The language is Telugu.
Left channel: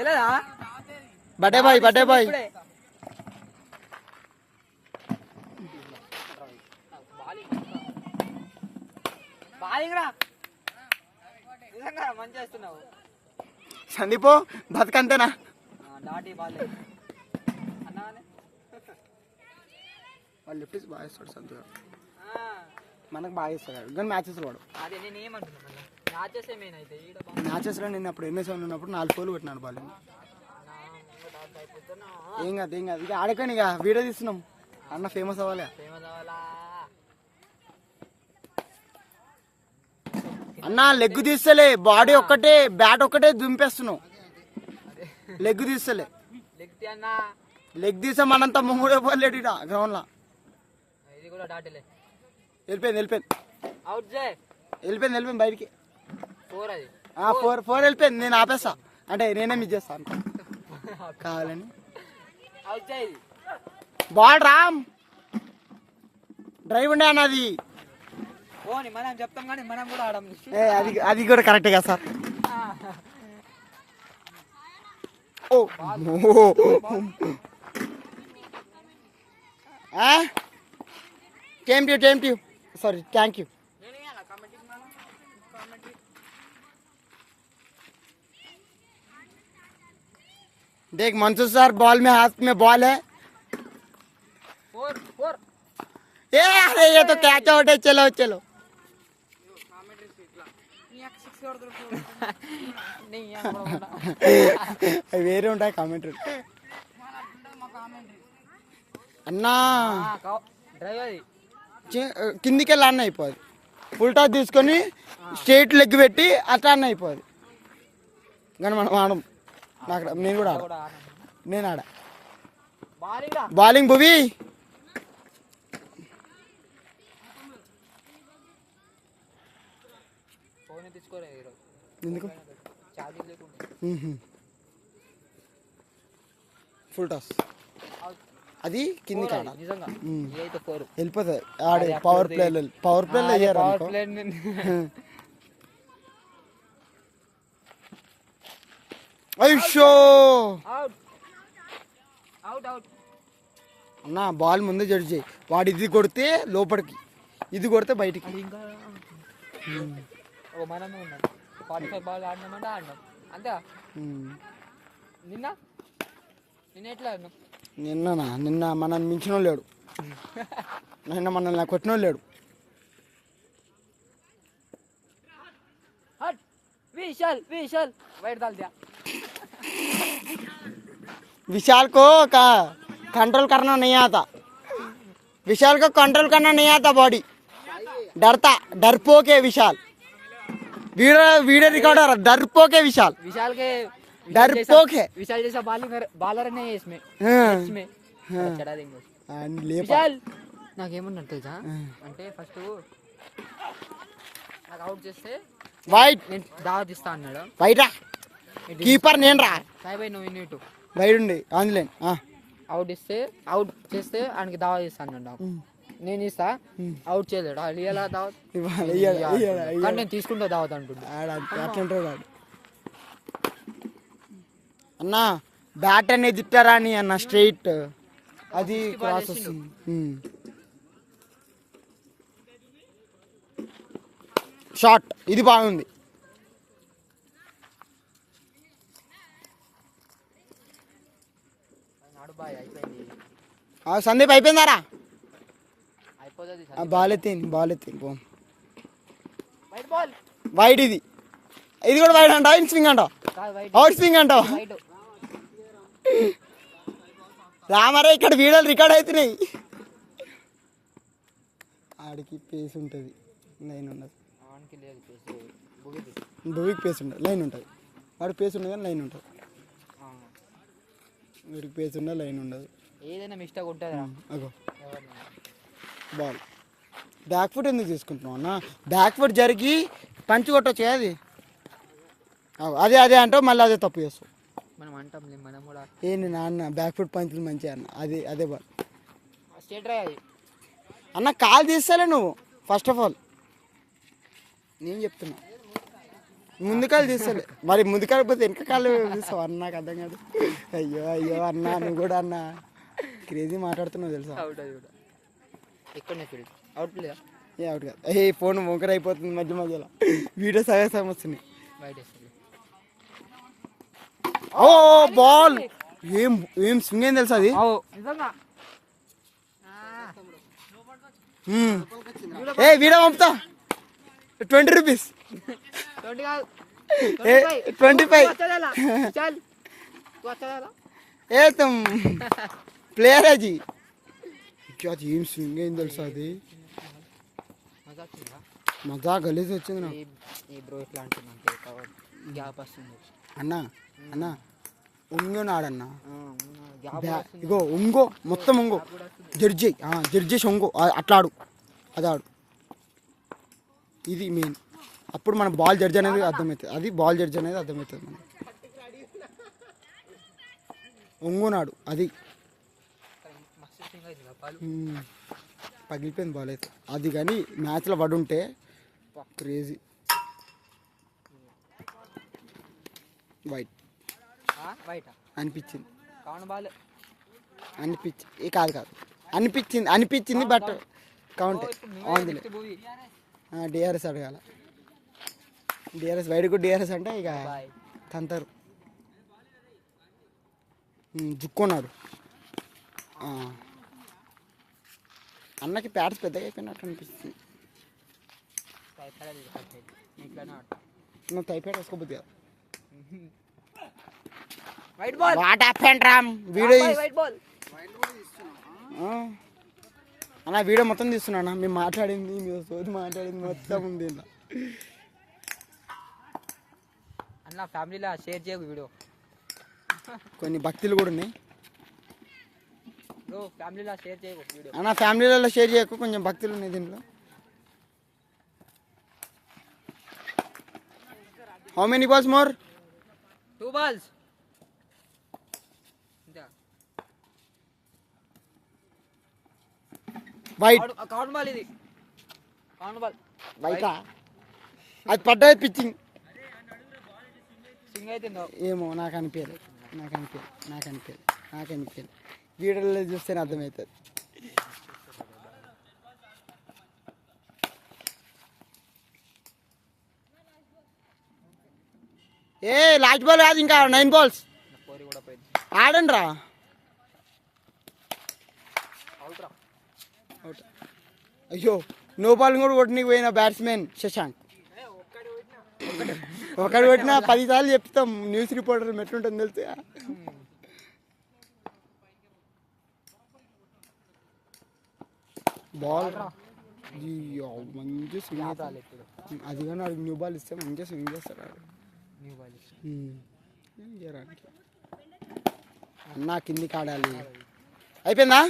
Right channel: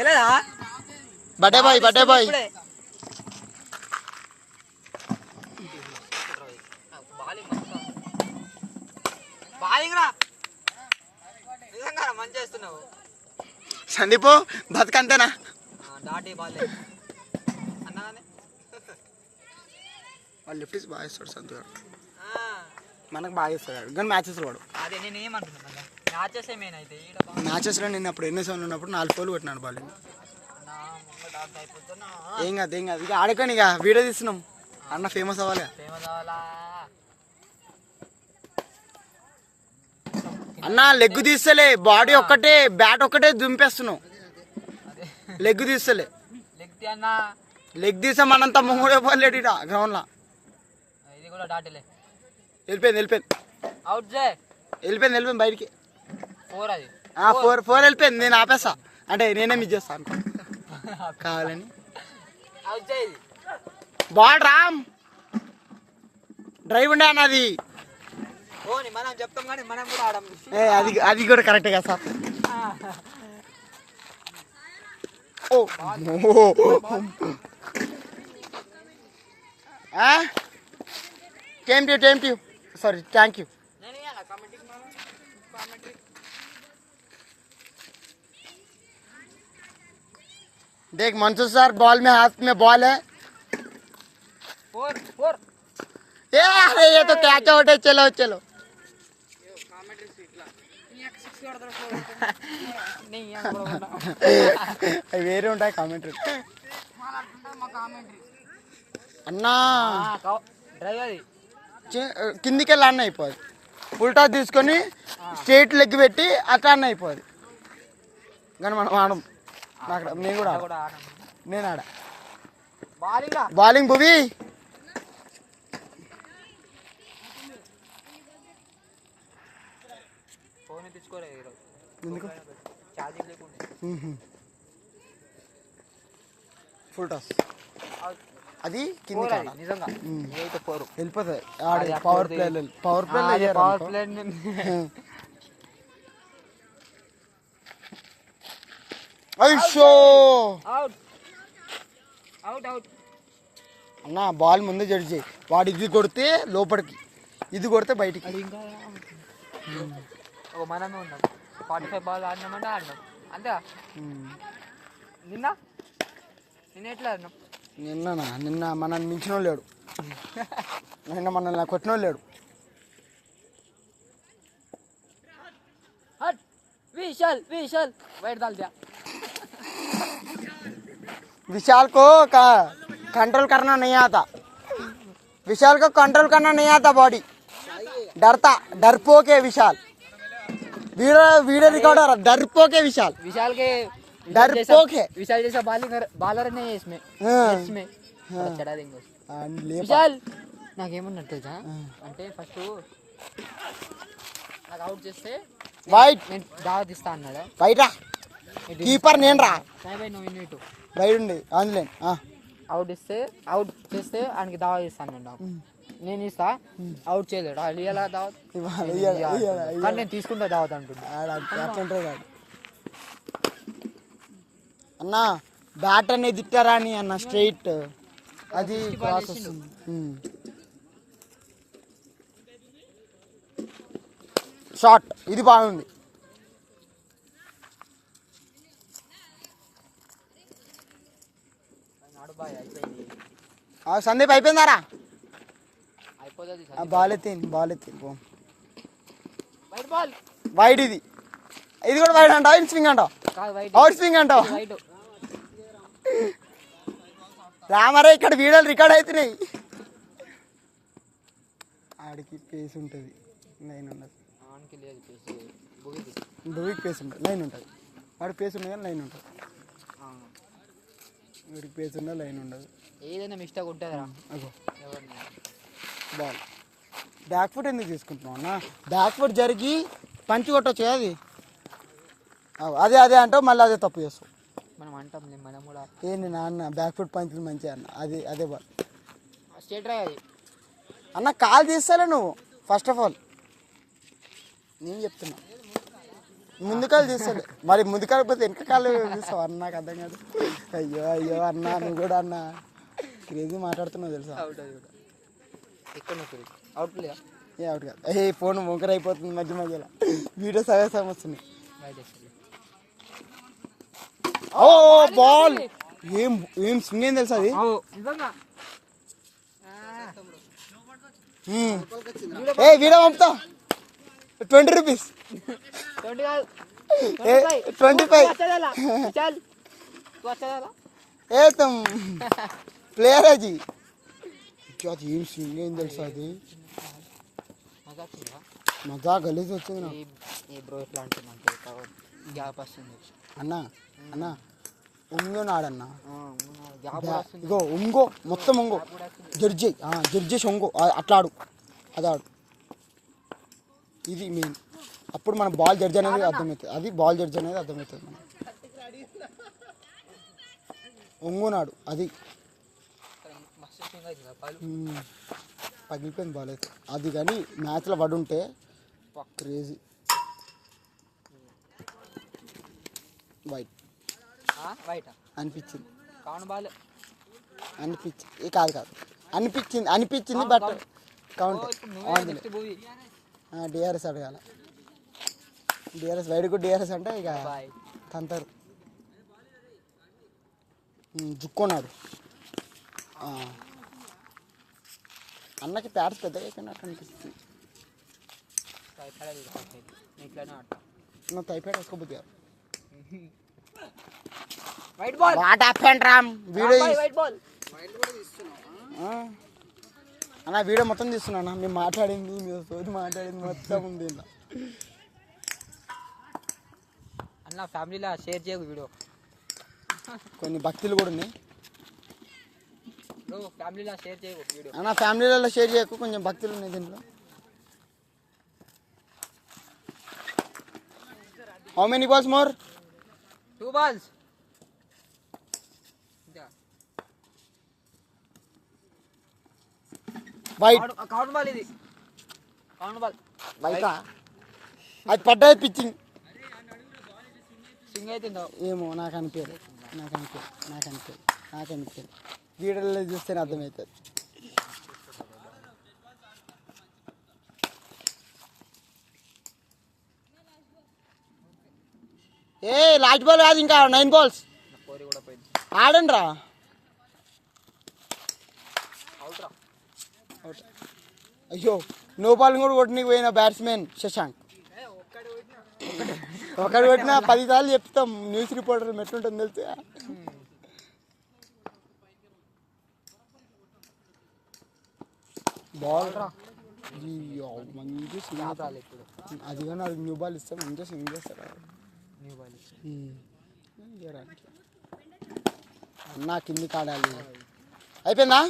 తెలియదా? Birthday boy birthday boy. సందీపో బతుకంతేనా? వాళ్ళు లిఫ్ట్ బాగా ఇస్తాడు సంతూ గారు, మనకు బాగా ఇస్తాడు కానీ మ్యాచెస్ వాడు. మ్యాచెస్లో నేను అప్పుడు ఎన్ఎస్ఎన్ ఉన్నప్పుడు 4 ఫోర్లు కొట్టినాడు బాల్. ఏం కాదు ఏం కాదు, ఇక ఆడుకొని ఇక వీడియో తీస్తున్నాం అన్న ఫేమస్ అవ్వాలి. అన్న లెగ్ తీస్తలే, బాడీ ఒక్కటే బ్యాట్ ఒక్కటే దుంపేస్తున్నావు. లెగ్ తీస్తలే, లెగ్ తీసా మనంత మొంగుడే పోలేడు ఇట గ్రౌండ్ లో. వెళ్ళిపోయింది వెళ్ళిపోయింది వెళ్ళిపోయింది బయటికి. 4 వెళ్ళిపోయింది. నేను ఆపేస్తా అంటే నేనే మిస్ చేస్తాను కావాలని. బాల్ రామ్ డ్రైవ్ ఉండే అన్న అది. అది కూడా కరెక్టే కదా sir. Thank you sorry thank you. देख मंसूर सर बॉल में हाथ में बॉल है. ये अरे ये तो कैच आउट है. चलो चलो వేరే ఉంటాయి కామెంటరీ అన్నా. కిందికి వెళ్ళి అన్న అయిపోదు, ఫుల్ టాస్ తీసుకొని స్ట్రేట్ లెగ్ పెట్టి అట్లా అన్న అయిపోదు. కానీ మనం ఆడం, నేను కూడా నేను ఆడ బౌలింగ్ భువి. ఎందుకు ఫుల్ టాస్ అది కింది వెళ్ళిపోతుంది. పవర్ ప్లే అన్న బాల్ ముందే జడ్జి. వాడు ఇది కొడితే లోపలికి, ఇది కొడితే బయటికి. మనమే ఉన్నాం 45 బాల్ ఆడినామంటే ఆడినాం అంతే. నిన్న ఎట్లా ఆడినాం? నిన్న మనల్ని మించిన లేడు, నిన్న మనల్ని కొట్టిన లేడు. विशाल वाइट डाल दिया. विशाल को कंट्रोल करना नहीं आता. विशाल को कंट्रोल करना नहीं आता. बॉडी डरता, डरपोक है विशाल. वीडियो रिकॉर्डर डरपोक है विशाल. विशाल के डरपोक है. विशाल जैसा बॉलर नहीं है इसमें. चढ़ा देंगे विशाल. నాకేమన్నా తెలుసా అంటే ఫస్ట్ నాకు అవుట్ చేస్తే వైట్ నేను దావత్ ఇస్తా అన్నాడు. వైట్ రా కీపర్ నేను రా నువ్వు వైట్ ఉండి ఆన్లైన్ అవుట్ చేస్తే ఆయనకి దావత్ ఇస్తా అన్నాడు. నేను ఇస్తా, అవుట్ చేయలేడు. అది ఎలా దావత్? కానీ నేను తీసుకుంటా దావత్ అంటుంది. అన్న బ్యాట్ అనేది తిట్టారా అని అన్న స్ట్రైట్ అది ప్రాసెస్. షార్ట్ ఇది బాగుంది. సందీప్ అయిపోయిందారా? బాల్ ఎత్తింది వైట్. ఇది కూడా వైట్ అంటావు, ఇన్ స్వింగ్ అంటావు, అవుట్ స్వింగ్ అంటావు. రామారా ఇక్కడ వీడియోలు రికార్డ్ అవుతున్నాయి. ఆడికి పేస్ ఉంటుంది, లైన్ ఉండదు. భూమికి పేస్ ఉంటుంది, లైన్ ఉంటుంది. వాడికి పేస్ ఉండదు కానీ లైన్ ఉంటుంది. వీడికి పేస్ ఉండదు, లైన్ ఉండదు. ఏదైనా మిస్టేక్ ఉంటుందా? బాల్ బ్యాక్ ఫుట్ ఎందుకు తీసుకుంటున్నావు అన్న? బ్యాక్ ఫుట్ జరిగి పంచ్ కొట్టచ్చు అది. అదే అంటావు, మళ్ళీ అదే తప్పు చేస్తావు. మనం అంటాం మనం కూడా. ఏంటి నాన్న బ్యాక్ ఫుట్ పంచులు మంచిగా అన్న, అదే బాల్ స్ట్రేట్ డ్రైవ్ అది అన్న. కాల్ తీస్తాలే నువ్వు ఫస్ట్ ఆఫ్ ఆల్, నేను చెప్తున్నా. ముందుకాలు తీస్తలే మరి ముందుకాలు పోతే వెనక కాళ్ళు తీస్తావు అన్న నాకు అర్థం కాదు. అయ్యో అయ్యో అన్న నువ్వు కూడా అన్న క్రేజీ మాట్లాడుతున్నావు తెలుసా. అవుట్ ఎక్కడ అవుట్ ప్లే ఏ అవుట్ కాదు. ఏ ఫోన్ వంకర అయిపోతుంది మధ్య మధ్యలో వీడియో సగం వస్తున్నాయి. ఓ బాల్ ఏం ఏం స్వింగ్ ఏం తెలుసా అది. ఏ వీడియో పంపుతా 20 రూపీస్ 25 ఏ तुम प्लेयर है जी क्या ఏం స్వింగ్ ఏం తెలుసా అది. మజా గలీజ్ వచ్చింది అన్న అన్న ఉంగోని ఆడన్నా ఇగో ఉంగో మొత్తం ఉంగో జడ్జి ఒంగో అట్లా ఆడు అది ఆడు. ఇది మెయిన్ అప్పుడు మన బాల్ జడ్జి అనేది అర్థమవుతుంది. అది బాల్ జడ్జి అనేది అర్థమవుతుంది మనకి. ఒంగోనాడు అది పగిలిపోయింది బాల్ అయితే అది. కానీ మ్యాచ్లో పడుంటే క్రేజీ. వైట్ అనిపించింది అనిపించింది బట్ కౌంట్ డిఆర్ఎస్ అడగాల. డిఆర్ఎస్ వైడ్కు డిఆర్ఎస్ అంటే ఇక తంతారు జుక్కున్నారు. అన్నకి ప్యాడ్స్ పెద్దగా అయిపోయినట్టు అనిపిస్తుంది. నువ్వు టైఫాయిడ్ వేసుకోబోద్ది అన్న వీడియో మొత్తం తీస్తున్నా. మేము మాట్లాడింది మీరు సోది మాట్లాడింది మొత్తం ఉంది అన్న. ఫ్యామిలీలో షేర్ చేయకు వీడియో. కొన్ని భక్తులు కూడా ఉన్నాయి ఫ్యామిలీలో షేర్ చేయకు వీడియో అన్న. ఫ్యామిలీలలో షేర్ చేయకు కొంచెం భక్తులు ఉన్నాయి దీంట్లో. How many balls more 2 balls white count ball. ఇది కౌంట్ బాల్ వైటా అది పడ్డాయి పిచ్చింగ్ స్వింగ్ అయితే ఏమో నాకు అనిపించదు వీడియోలో చూస్తేనే అర్థమవుతుంది. ఏ లాస్ట్ బాల్ కాదు ఇంకా 9 balls ఆడండి రా. అయ్యో నో బాల్ కూడా కొట్టడానికి పోయిన బ్యాట్స్మెన్ శశాంక్. ఒకటి కొట్టినా 10 సార్లు చెప్తాం న్యూస్ రిపోర్టర్ ఎట్లుంటుంది తెలుసా. బాల్ మంచి స్వింగ్ అది కానీ అది న్యూ బాల్ ఇస్తే మంచిగా స్వింగ్ చేస్తారు. అన్నా కిందికి ఆడాలి. అయిపోయిందా?